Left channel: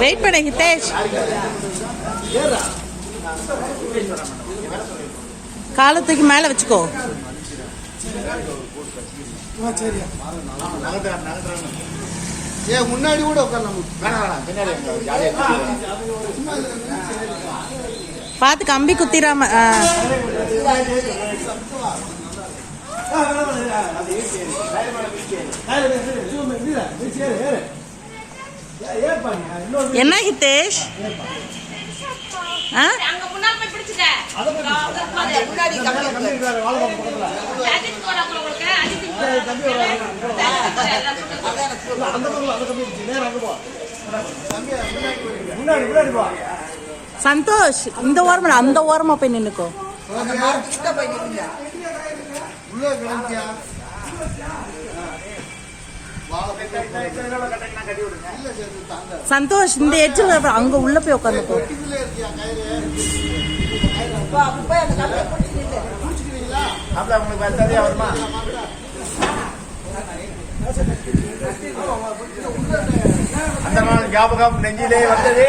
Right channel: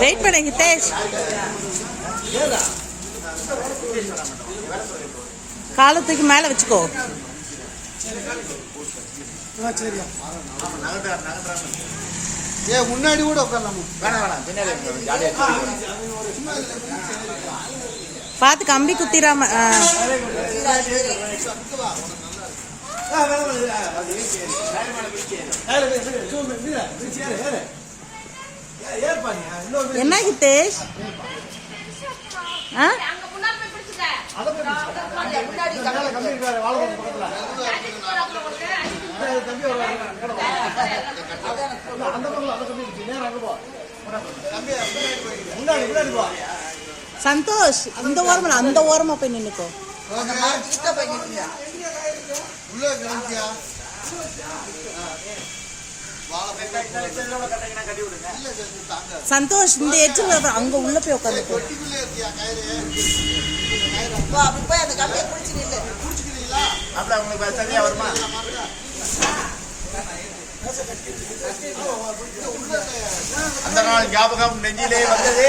Wait பண்ண ஹிதேஷ். காலத்துக்கு மேல வச்சுக்கோ. முன்னாடி கூட பார்த்து கம்பி குத்திராம. என்ன ஹிதேஷ்? சந்தோஷ் இந்த ஓரமா அந்த ஓரமா போய் நின்னுக்கோ. சந்தோஷ் இந்த எட்ஜில் அங்க உள்ள போய் உட்காந்துக்கோ. அந்த நாள் ஞாபகம் நெஞ்சிலே வந்தது.